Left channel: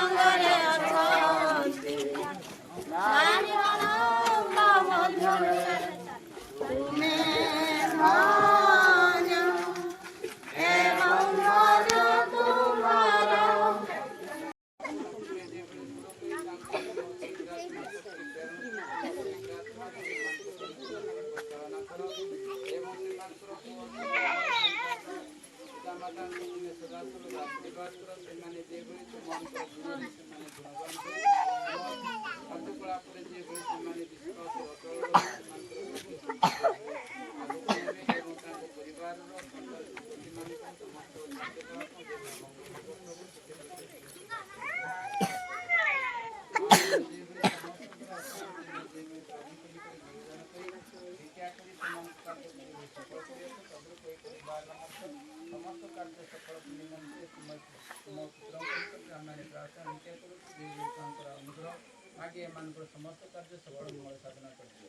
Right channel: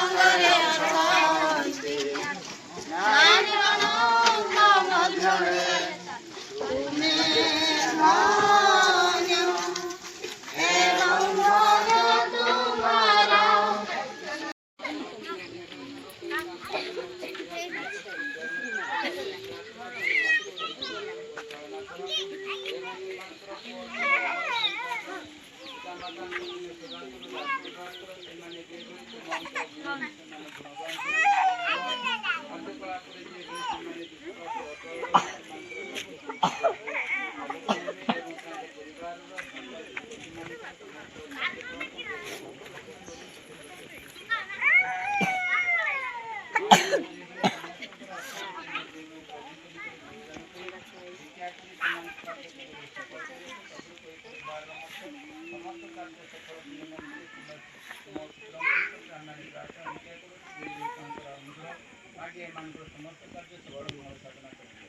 संगरे अछंती नारी ମାନଙ୍କ ମଧ୍ୟରେ ତୁମେ ଧନ୍ୟ ଏବଂ ଭୋଗ ତୁମର। समस्त कार्य सबल मंगल साधना करते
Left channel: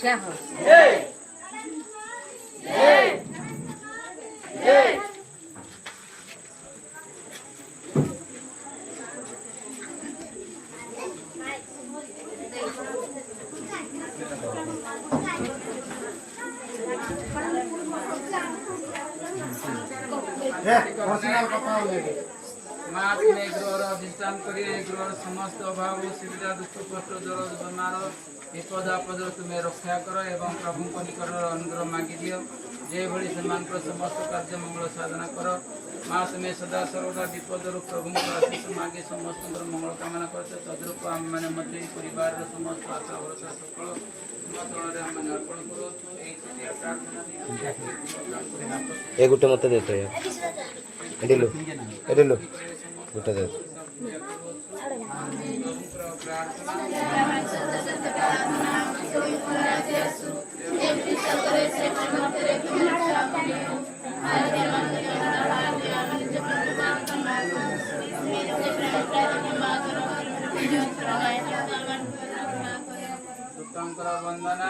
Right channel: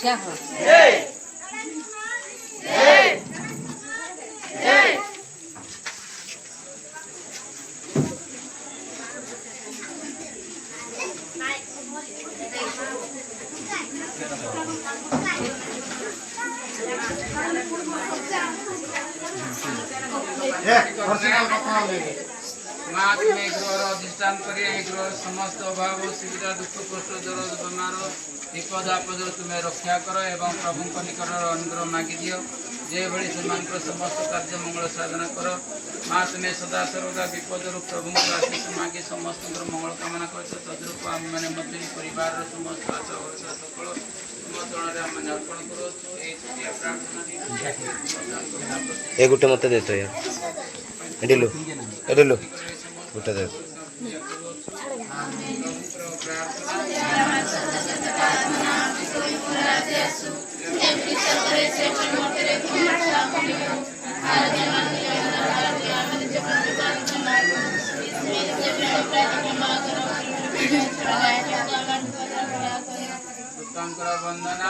क्या हो अधिष्ठान कर समस्त अभाव सुविधा दुख कष्ट ज्वर बेमार विपद आपद तुम्हें रक्षा कर एवं प्रभु निकट अनुग्रह मागी दियो जे भली समस्त कार्य मंगल साधना कर माँ तुम्हें सदा सर्वदा विपद प्रभु आशीष मागे समस्त मंगल कामना कर तद्रूप आम मैंने परिवार समस्त आशा भरोसा सकल तुम अर्पण ए गुटे मत दे तो यार एडिलो एडिलो गुटे दे वंदना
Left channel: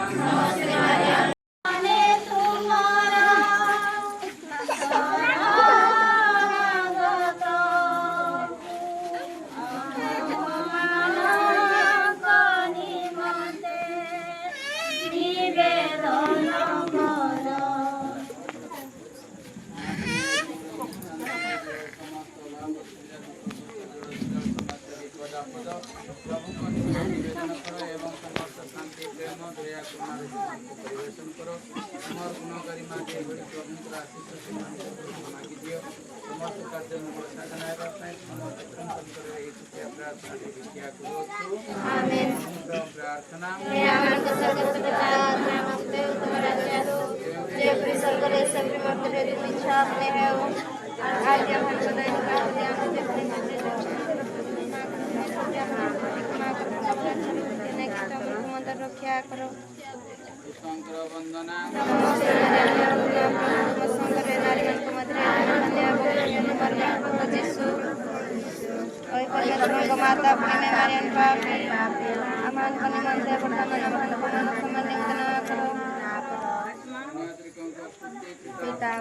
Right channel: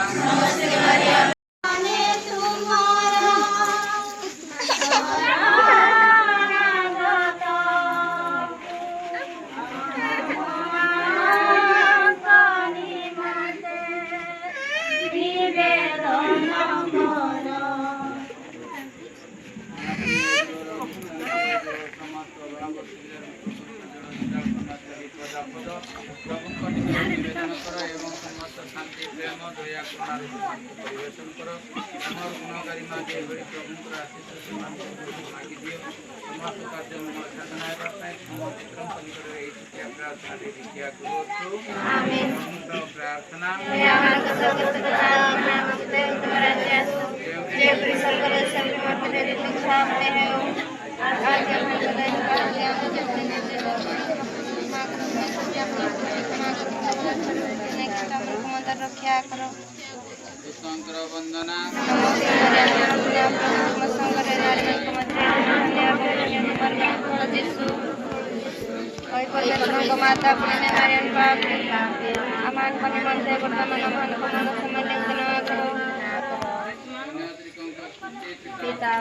रक्षा करो शंकर वंदना माता पिता